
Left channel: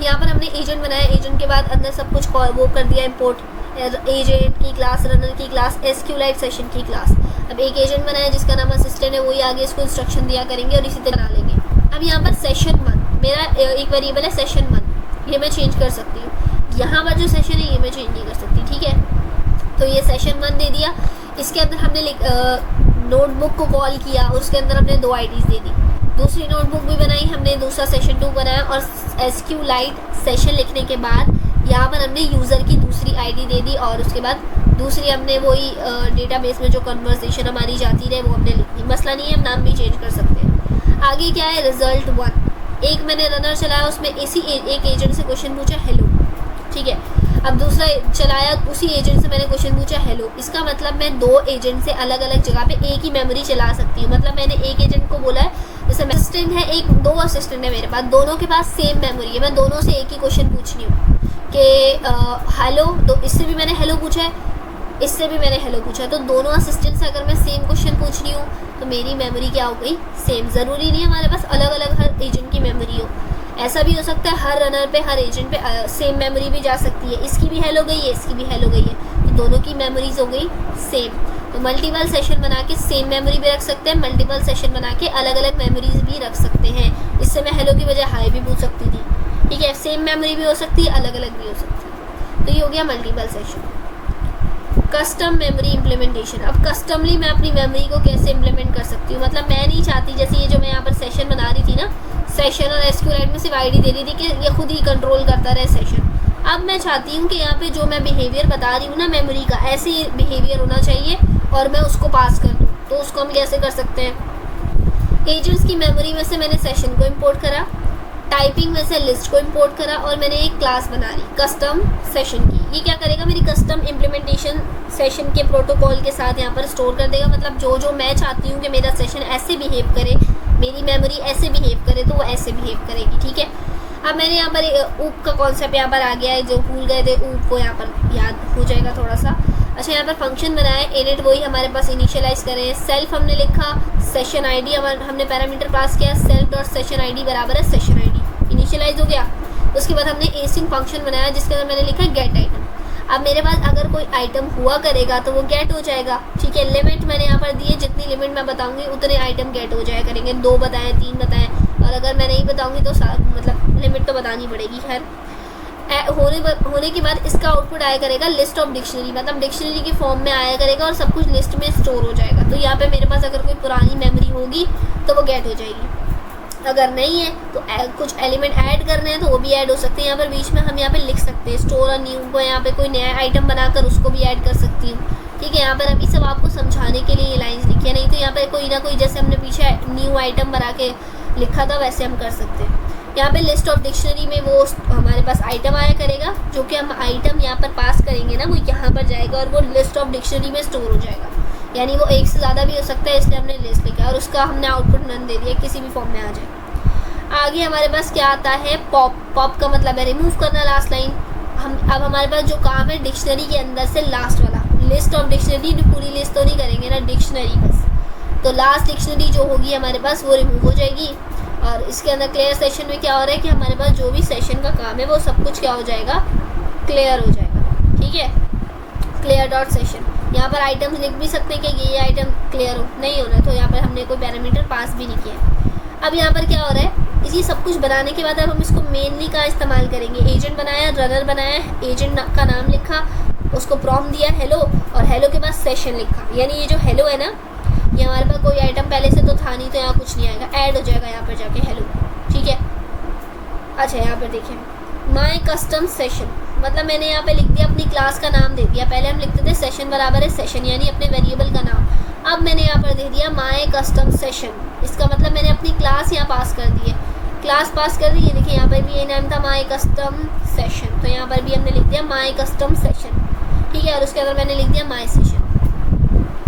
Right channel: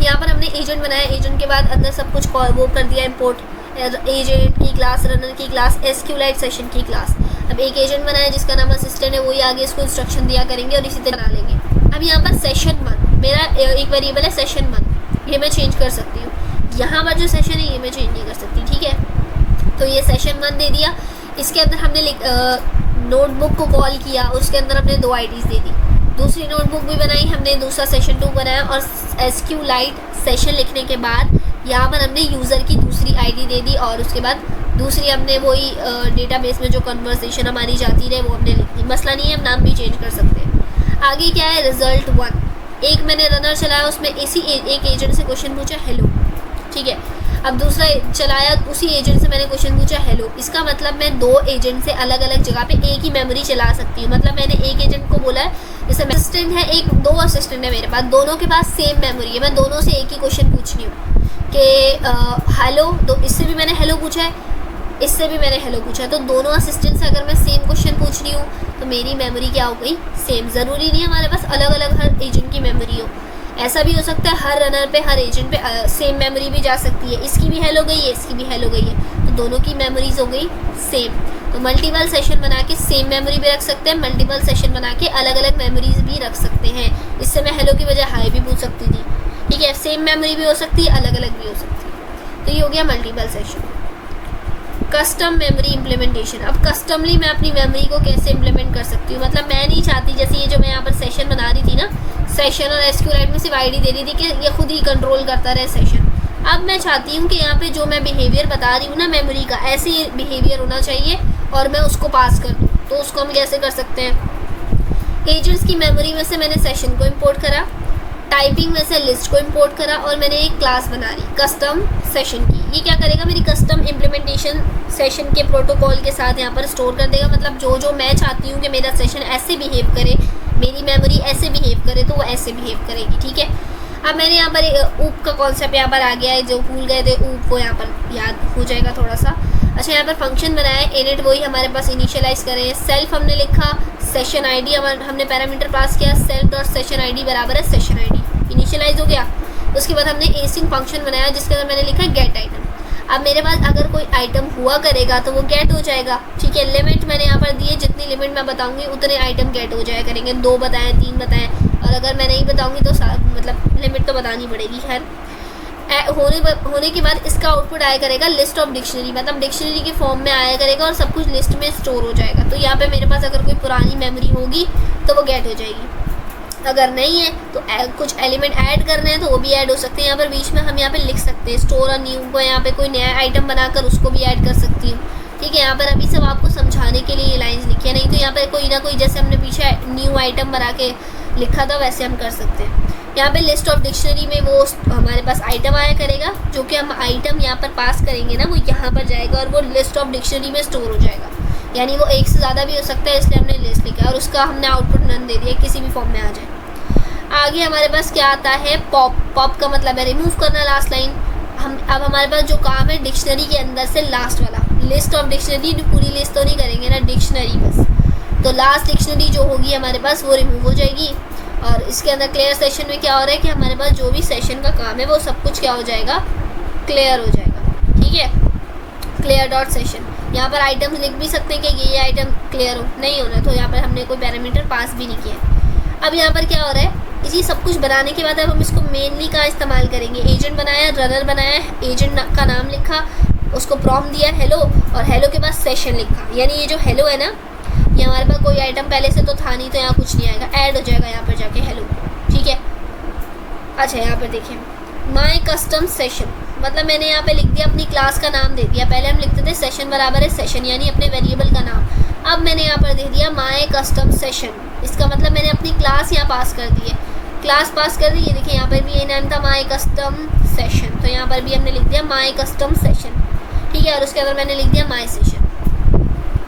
यहाँ पर हमने एजेंट बनाया, एजेंट के बाद अंदर सब कुछ वो कर दिया इंपोर्ट, एजेंट की क्लास, रनर की क्लास, SQLite सेशन की क्लास। अब एक एजेंट बनाया जिसका नाम असिस्टेंट है, वही आगे इसको इंस्ट्रक्शन दिया करेंगे और इसी तरह बना लेंगे। अब यहाँ पर सेशन 1 मेरा एक वेरिएबल है, सेशन 1 ये मैं चेंज कर सकती हूँ। यहाँ पर जो सेशन है ये मैं चेंज नहीं कर सकती, ठीक है। तो ये सेशन 1 दे दिया, इसके अंदर हमने नोटबुक को कॉल किया, उसके अंदर हमने 2 आईडीज़ दे दी, दूसरी नोटबुक भी बनाई हमने, दूसरा सेशन 2 बनाया और SQLite सेशन लिखने के बाद यहाँ पर हमने यूज़र की दूसरी आईडी दे दी और उसके बाद दूसरी हमने वही डेटाबेस में जो कन्वर्सेशन हमारी जाती रहे वो हमने लिख दी। मसला नहीं है, हम नाम भी चेंज कर सकते हैं। आगे क्या है, रिज़ल्ट 1। एक मैंने रनर चलाया, उसमें इसी एक एजेंट से क्वेश्चन पूछा हेलो, ठीक है। अब दूसरा चलाया, उसी एजेंट से मैंने क्वेश्चन पूछा हेलो। इसका मतलब मैं 2 एजेंट से अलग अलग जगह पे एक ही मेमोरी चला सकती हूँ। मतलब मैंने एक एजेंट को बोला है, जैसे असिस्टेंट है, 2 असिस्टेंट है मेरे पास, दोनों के पास सेम मेमोरी है, मैं दोनों से एक ही क्वेश्चन पूछ रही हूँ कि हेलो, तो इससे भी मैंने हेलो पूछा है, इससे भी मैंने हेलो पूछा है। तो दोनों असिस्टेंट से अगर मैं सेम क्वेश्चन पूछ रही हूँ तो मेरी मेमोरी क्या हो गई, सेम। ज़रूरी नहीं है हमारे पास अलग अलग हर एजेंट की मेमोरी हो, ऐसा भी हो सकता है हर रनर पे हर एजेंट पे सेम मेमोरी भी जा सकती है, इसकी भी हेलो गई है, इसकी भी हेलो गई है, तो दोनों की मेमोरीज हो गई सेम। तो मल्टीपल सेशन बना के सेम मेमोरी भी रख सकते हैं, मल्टीपल सेशन बना के अलग अलग मेमोरीज भी रख सकते हैं। इससे मैं हेलो की वजह हाई भी पूछ सकती थी, ठीक है। सेम मेमोरी भी हो सकती है, अलग अलग भी हो सकती है। तो ये हो गया multiple session. Custom memory implementation. अब कस्टमली मैं अपनी मेमोरी को कैसे इम्प्लीमेंट कर सकती हूँ, मतलब मैं नहीं चाहती, जैसे ये जो मैं यहाँ पर सेशन बना रही थी ना, सेशन और SQLite में सिर्फ आईडी दे रही थी कि ये खुद ही कंट्रोल करता रहे सेशन। अब मैं चाहती हूँ कि यहाँ पे जो मैं बिहेवियर बता रही हूँ ना मेमोरी का, ऐसे ही बिहेवियर होना चाहिए और मैं उसको पास कर दूँ। तो उसको हम कैसे कर सकते हैं, एजेंट्स की मेमोरी में से मैंने सेशन को इम्पोर्ट करा, टाइपिंग में से लिस्ट को इंपोर्ट करा और मैंने एक क्लास बना ली कस्टम सेशन की। ये क्या करेगा, मेरी कस्टम इम्प्लीमेंटेशन सेशन के प्रोटोकॉल के साथ यहाँ पर स्टोर कर देगा। मतलब जो जो मैं चाहती हूँ कि मेरा सेशन ऐसे बिहेव करे, मेरी मेमोरी ऐसे बिहेव करे, तो वो ऐसे बिहेव करेगी। ठीक है, अब मैंने यहाँ पर ऊप का कॉन्सेप्ट यहाँ पर आ गया है, जो भूल गए थे ऊप को यहाँ पर याद हो जाएगा थोड़ा सा। अच्छा, यहाँ पर फंक्शन बनाया है इनिट, वही हमारे पास इनिशियलाइज करें। सेल्फ हमने लिखा, सेशन आईडी हमने पैरामीटर पास किया, सेल्फ डॉट सेशन आईडी बराबर है सेशन आईडी, इनिशियलाइज हो गया। उसके बाद हमने एसिंग फंक्शन बनाया जिसके अंदर मैंने लिखा गेट आइटम। अब मेरे पास अगर कोई आइटम हुआ करेगा तो वो गेट हो जाएगा। ठीक है, लिमिट मैंने यहाँ पर दिए, जितनी लिमिट मैं बताऊंगी उतने आइटम गेट हो जाया करेंगे। 2 बताएं, 3 बताएं, और अगर मैं नहीं बताऊंगी तो मतलब लिमिट तो बतानी पड़ेगी। खैर, होने के बाद इसका आउटपुट आया करेगा लिस्ट ऑफ डिक्शनरी, मतलब डिक्शनरी के फॉर्म में आया करेगा और सब कुछ लिस्ट में स्टोर हो जाएगा। तो यहाँ पे मेरे पास अगर कोई पुरानी मेमोरी होगी तो वो गेट हो जाएगी, अगर नहीं है तो कुछ एलिमेंट ऐड करने हैं तो वो भी ऐड हो सकते हैं। यहाँ पर बीच में हम यहाँ पे लिख सकते हैं स्टोर और न्यू को, यहाँ पे कोई नया आइटम बनाकर उसको भी ऐड कर सकती हूँ। ठीक है, यहाँ पर अभी सब आपको समझाने के लिए ये लाइन्स लिखी है, नहीं तो यहाँ पर कोई ना कोई जैसे हमने पीछे न्यू आइटम बना के लिखा था वैसे हम कर सकते हैं। यहाँ पे लिस्ट ऑफ डिक्शनरी में वो हमारे पास आइटम आया करेगा, जो कि हम आइटम यहाँ पर पास करेंगे ना, वो यहाँ पर जाएगा और वो लिस्ट ऑफ डिक्शनरी में स्टोर हो जाएगा। यानी वो एक से ज़्यादा भी हो सकता है, इसलिए हमने लिस्ट लिखा और उसका हमने आउटपुट नन दे दिया, किसी भी फॉर्म में आ जाए। आगे हमारे पास क्या आता है, पॉप। पॉप का मतलब है रिमूव करना, लास्ट लाइन। अब हमारे पास जो काम है डिक्शनरी के अंदर से लास्ट वाला, लिस्ट ऑफ डिक्शनरी, पूरी लिस्ट तो नहीं करेंगे ना, डिक्शनरी बस। तो लास्ट डिक्शनरी जो होगी हमारे पास वो रिमूव हो जाएगी। और इसके अंदर क्लियर सेशन में क्या हो रहा है कि हमारे पास जो भी सेशन का काम है वो सब कुछ क्या हो जाएगा, क्लियर हो जाएगा। ठीक है, क्लियर डॉट सेशन। यहाँ पर आइटम्स लिख भी सकते हैं कि ये आइटम क्लियर हो, नहीं होना तो यहाँ पर हमने कोई पैरामीटर पास भी नहीं किया। अब यहाँ पर क्या हो रहा है, इसी सब कुछ बनाने के बाद अब हम इसको मेनली का इस्तेमाल करेंगे। एजेंट बनाया, रनर बनाया, एजेंट का नाम लिखा, उसको प्रॉम्प्ट दिया हेलो, और हेलो के बाद सेशन लिखा। यानी ये जो हेलो है ना, ये हमारे पास कोई आइटम पहले से तो था नहीं, तो यहाँ कुछ नहीं आएगा, ऐड हो जाएगा यहाँ पर जाके हेलो। ठीक है, अच्छा यहाँ पर देखिए माई कस्टम सेशन, मतलब मैंने यहाँ पे लिख दिया अपनी क्लास का नाम दे दिया। पहले हम लिखते थे सेशन बराबर है सेशन, यानी अपने वेरिएबल का नाम। अब मैंने यहाँ पर दे दिया माई कस्टम सेशन, इसका मतलब मैंने अपनी क्लास यहाँ पास कर दी है, क्लास पास कर दी। ये देखिए यहाँ पर भी ये नाम था माई कस्टम सेशन, तो यहाँ पर भी हमने लिख दिया माई कस्टम सेशन। ठीक है, और उसके अंदर मैंने लिख दिया माई सेशन।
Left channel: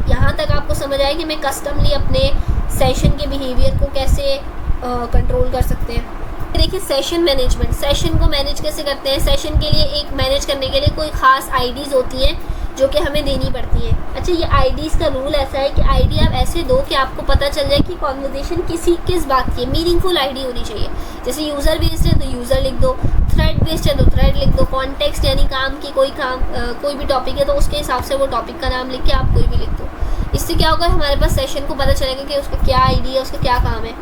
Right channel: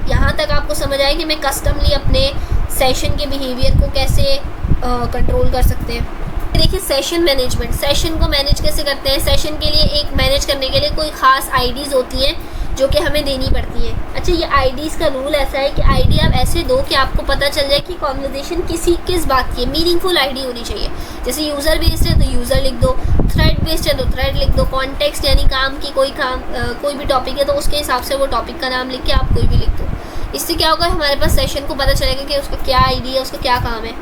यहाँ तक आपको समझ आए कि मैं कस्टमली अपने सेशन के बिहेवियर को कैसे कंट्रोल कर सकते हैं। देखिए सेशन मैनेजमेंट, सेशन को मैनेज कैसे करते हैं। सेशन के लिए एक मैनेज करने के लिए कोई ख़ास आईडीज़ होती हैं जो कि हमें देनी पड़ती है। अच्छा, ये आईडीज़ का रूल ऐसा है कि आईडी आप ऐसे दो कि आपको पता चल जाए कि कॉन्वर्जेशन किस बात की है। मीनिंगफुल आईडी होनी चाहिए। जैसे यूज़र बेस्ड है तो यूज़र लिख दो, थ्रेड बेस्ड है तो थ्रेड लिख दो, कॉन्टेक्स्ट यानी काम की कोई भी टॉपिक है तो उसके हिसाब से वो टॉपिक का नाम लिख के आप कोई भी लिख दो। इससे क्या होगा, हमारे पास सेशन को पता चलेगा कि उसका क्या आईडी है, उसका क्या काम है।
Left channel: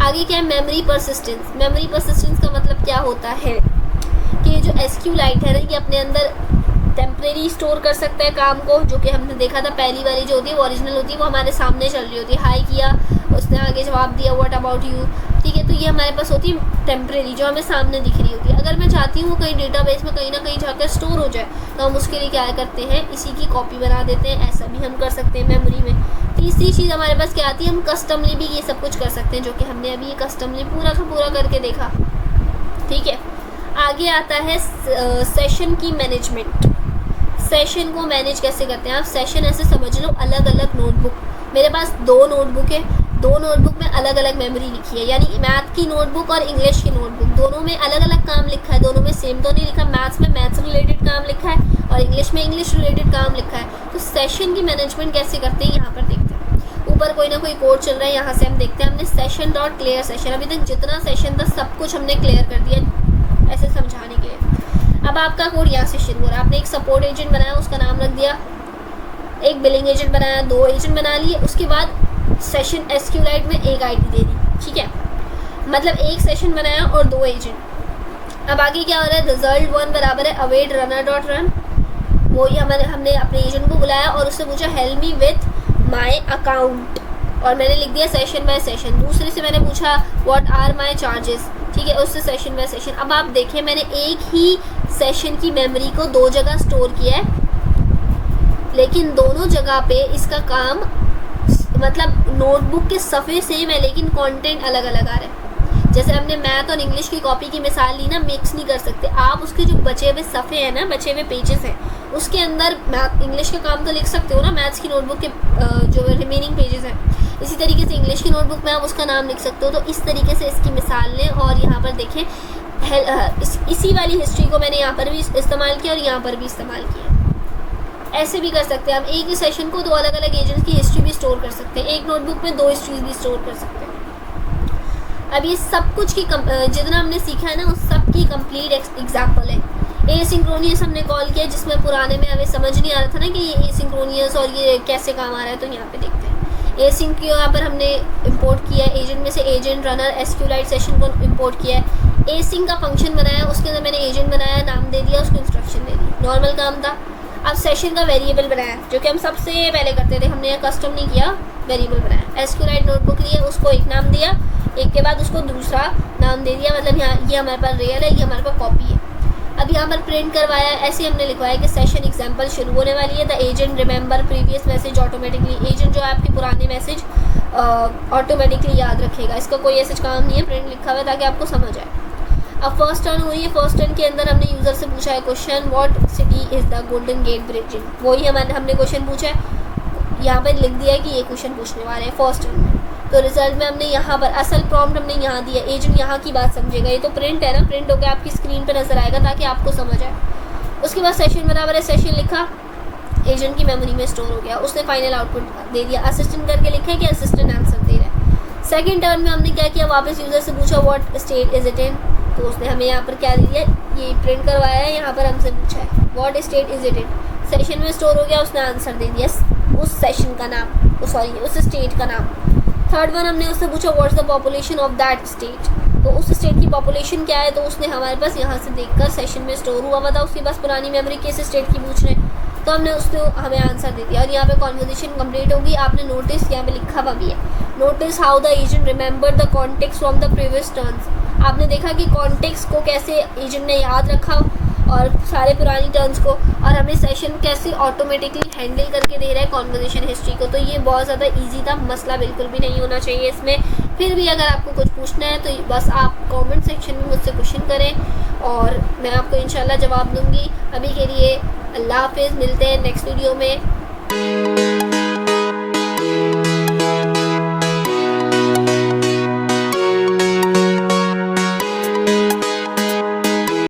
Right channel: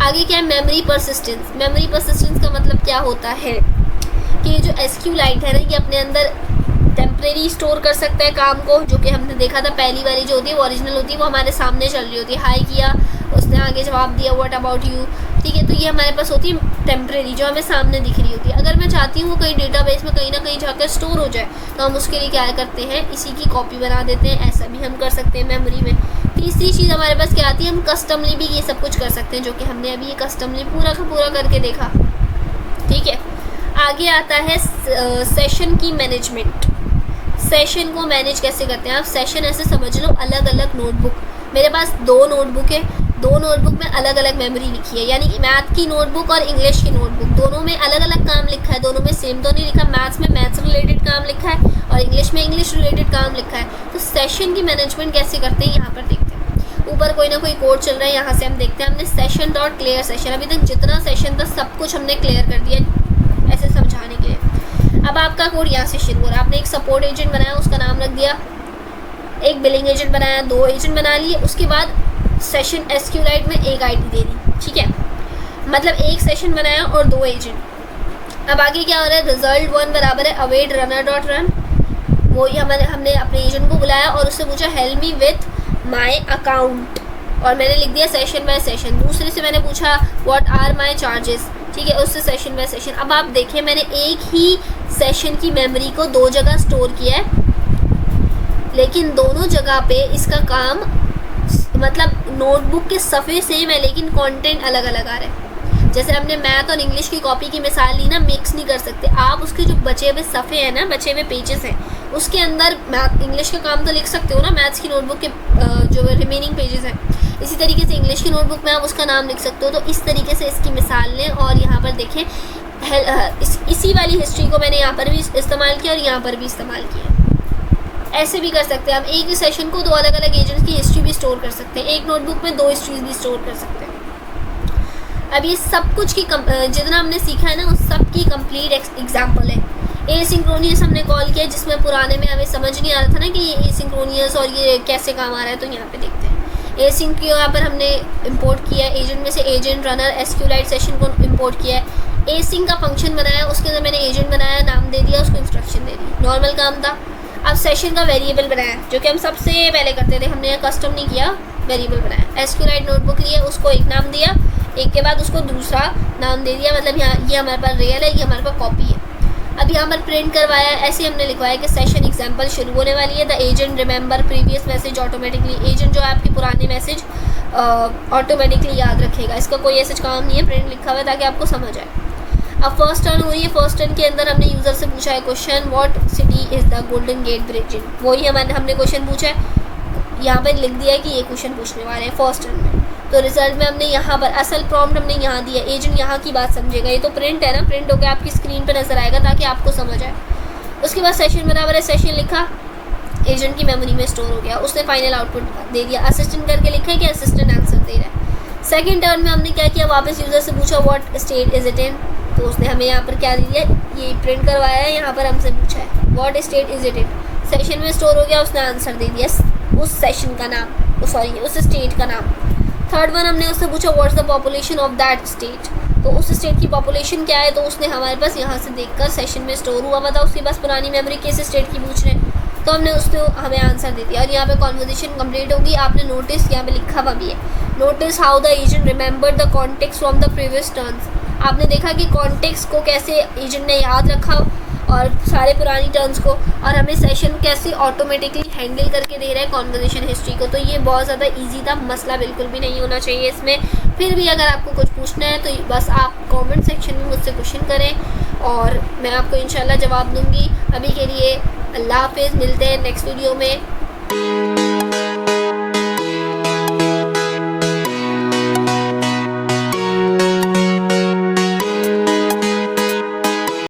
आगे क्या है, मेमोरी परसिस्टेंस। मेमोरी परसिस्टेंस का मतलब क्या होता है कि ये जो SQLite है ना, ये अपने अंदर टेम्परेरी स्टोर कर सकता है काम को, जो कि हमने देखा था पहली वाली जो होती है वो ओरिजिनल होती है, वो हमारे सामने चल रही होती है। हाई किया, उसने आगे जवाब दिया व्हाट अबाउट यू। ठीक है, तो ये हमारे पास होती है टेम्परेरी, जो हमें सामने दिख रही होती है। अगर मैं चाहती हूँ वो कहीं डेटाबेस में कहीं ना कहीं जाकर स्टोर हो जाए तो हम उसके लिए क्या करते हैं, इसी की कॉपी बना देते हैं। ऐसा भी हम कर सकते हैं मेमोरी में। तीसरी चीज़ हमारे पास क्या आती है, हम कस्टमली भी ये सब कुछ कर सकते हैं, जो कि हमने अभी ये कस्टमली पूरा का पूरा करके देखा। ठीक है, आगे आता है सेशन की मैनेजमेंट। सेशन को मैनेज कैसे करते हैं आप, सेशन ऐसे समझ लो अलग अलग नोटबुक। मेरे पास 2 नोटबुक है, 2 नोटबुक में अलग अलग मेमोरी लिखी है, यानी मैथ की नोटबुक और इंग्लिश की नोटबुक, दोनों में अलग अलग काम लिखा है, दोनों में सेम तो नहीं लिखा। मैथ्स में मैथ्स रिलेटेड काम लिखा है और इंग्लिश में इंग्लिश रिलेटेड काम लिखा है। तो सेशन की मैनेजमेंट कैसे करते हैं यहाँ पर देखते हैं। ऊपर कोई ना कोई कोड चल रहा है, यहाँ से हम देखते हैं। हमने सेशन डॉट क्लियर सेशन, अभी तक जितना सेशन था सब कुछ हमने क्लियर कर दिया ऐसे समझाने के लिए। अब आपका कोड यहाँ से शुरू हो रहा है। आपने एक सपोर्ट एजेंट बनाया, उसका नाम रख दिया, एक बिलिंग एजेंट बनाया, 2 एजेंट बना लिए। उसके बाद सेशन SQLite में एक आईडी दे दी। ठीक है, मतलब एक सेशन बनाया और 2 एजेंट। अब आगे क्या हो रहा है, रिजल्ट 1 बराबर है अवेट रनर डॉट रन। वही हमने अपने एजेंट को बुलाया और उससे पूछा help me with my account, और मैंने लिख दिया सेशन बाय सेशन। दूसरे से मैंने पूछा व्हाट आर माई चार्जेस। ठीक है, उससे सेशन बाय सेशन। अब आप देखिए मैंने एक ही सेशन की मेमोरी को 2 जगह स्टोर किया है, लेकिन दोनों जगह पे इसका काम मतलब नोटबुक के सफ़े सेम है लेकिन कंटेंट अलग अलग आ रहा है। जैसे हमने मैथ और इंग्लिश की कॉपी की मिसाल ली ना, मिक्स नहीं कर सकते आप। उसके जो बचे हुए सफ़े हैं ना, बचे हुए पेजेस हैं, उसके अंदर मैथ इंग्लिश का काम तो लिख सकते हो ना, मैथ्स की नोटबुक के जो रिमेनिंग पेजेस हैं, इसी तरीके से इंग्लिश की नोटबुक में आप उसका नाम लिख सकते हो। तो इस तरीके से इसकी मिसाल लें। और यहाँ पर देखें इसी वाली हिस्ट्री को मैंने यहाँ पर भी इस्तेमाल किया और यहाँ पर भी इस्तेमाल किया। ऐसे भी कर सकते हैं हम, एक ही सेशन को 2 अलग अलग एजेंट्स की हिस्ट्री भी स्टोर कर सकते हैं, एक नोटबुक में 2 हिस्ट्रीज भी स्टोर कर सकते हैं। अब ये सब कुछ की जितना हमने सीखा है ना, उस सब की कंप्लीट एग्जाम्पल है। एसिंक्रोनियस हमने कॉल किया, जिसमें पुराने में हमें समझ नहीं आ रहा था ना कि ये एसिंक्रोनियस और ये कैसे काम आ रहा है, तो यहाँ पे देखते हैं। एसिंक को यहाँ पर हमने इंपोर्ट किया, एजेंट में से एजेंट, रनर, एसक्यूलाइट सेशन को इंपोर्ट किया है। एसिंक का फंक्शन बनाया, उसके अंदर मैंने एजेंट बनाया, नाम दे दिया, उसको इंस्ट्रक्शन दे दी, नॉर्मल काम था। अब सेशन का वेरिएबल बनाया, जो कि हम सबसे पहले करते थे, हमने कस्टम नहीं किया, वेरिएबल बनाया। एसक्यूलाइट नोटबुक लिए, उसको एक नाम दिया, एक के बाद उसको दूसरा नाम दे दिया, मतलब यहाँ ये हमारे पास रियल है, ये हमारे पास कॉपी है। अब यहाँ पर प्रिंट करवाया, ऐसे हमने लिखवाया कि सेशन एग्जाम्पल शुरू होने वाली है। The agent remember previous message automatically, agent जो है आपके पुराने मैसेज ऑटोमेटिकली याद रखेगा। इसका कोई ऐसा काम नहीं है, प्रिंट लिखा हुआ है ताकि आपको समझ आए। अब फर्स्ट टर्न हो रही है, फर्स्ट टर्न के अंदर हमने यूज़र से पूछा है question, what city is the golden gate bridge in, वही हमने क्वेश्चन पूछा है, यहाँ पर लिख दिया है कि ये क्वेश्चन पूछने वाले हैं फर्स्ट टर्न में। तो रिजल्ट में हमने यहाँ पर असल प्रॉम्प्ट हमने यहाँ दिया, एजेंट यहाँ की बात समझेगा। ये तो प्रिंट है ना, प्रिंट होकर आपकी स्क्रीन पर नजर आएगा ताकि आपको समझ आए। उसके बाद सेशन बराबर है, सेशन लिखा, एजेंट की मेमोरी में स्टोर हो गया, उसने फाइनल आउटपुट दे दिया। असिस्टेंट करके लिखा है कि असिस्टेंट आंसर दे रहा है। सेकेंड टर्न में हमने क्या किया, वापस यूज़र से पूछा what state is it in, तो उसने हमें यहाँ पर क्या दे दिया, ये प्रिंट करवाया है, यहाँ पर हमसे पूछा है what state is it in, session में स्टोर हो गया, उसने आंसर दे दिया उस सेशन का नाम, सॉरी उस स्टेट का नाम। थर्ड वन हमने उससे पूछा what's the population of that state, तो उस स्टेट की पॉपुलेशन क्या है, तो उसने हमारे पास यहाँ से देखकर सेशन में स्टोर हुआ था, उसके पास पुरानी मेमोरी किस स्टेट की पूछ रहे हैं, तो हमने उसने हमें आंसर दे दिया। और यहाँ पे कॉन्वर्जेशन कंप्लीट होगी। आपने नोटिस यहाँ पे लिखा हुआ भी है, notice how the agent remember the context from the previous turns. आपने देखा कि कॉन्टेक्स्ट को कैसे एजेंट ने याद रखा और सारे पुरानी टर्न्स को, और हमें सेशन कैसे ऑटोमेटिकली हैंडल करके दे रहा है कॉन्वर्जेशन हिस्ट्री को। तो ये बहुत ज़्यादा इजी था, मसला बिल्कुल भी नहीं होना चाहिए इसमें। फिर भी अगर आपको कुछ पूछना है तो बस आप कमेंट सेक्शन में मुझसे क्वेश्चन करें और मैं आपको इंशाल्लाह जवाब दूंगी। अभी के लिए अल्लाह हाफिज़, मिलते हैं नेक्स्ट वीडियो में।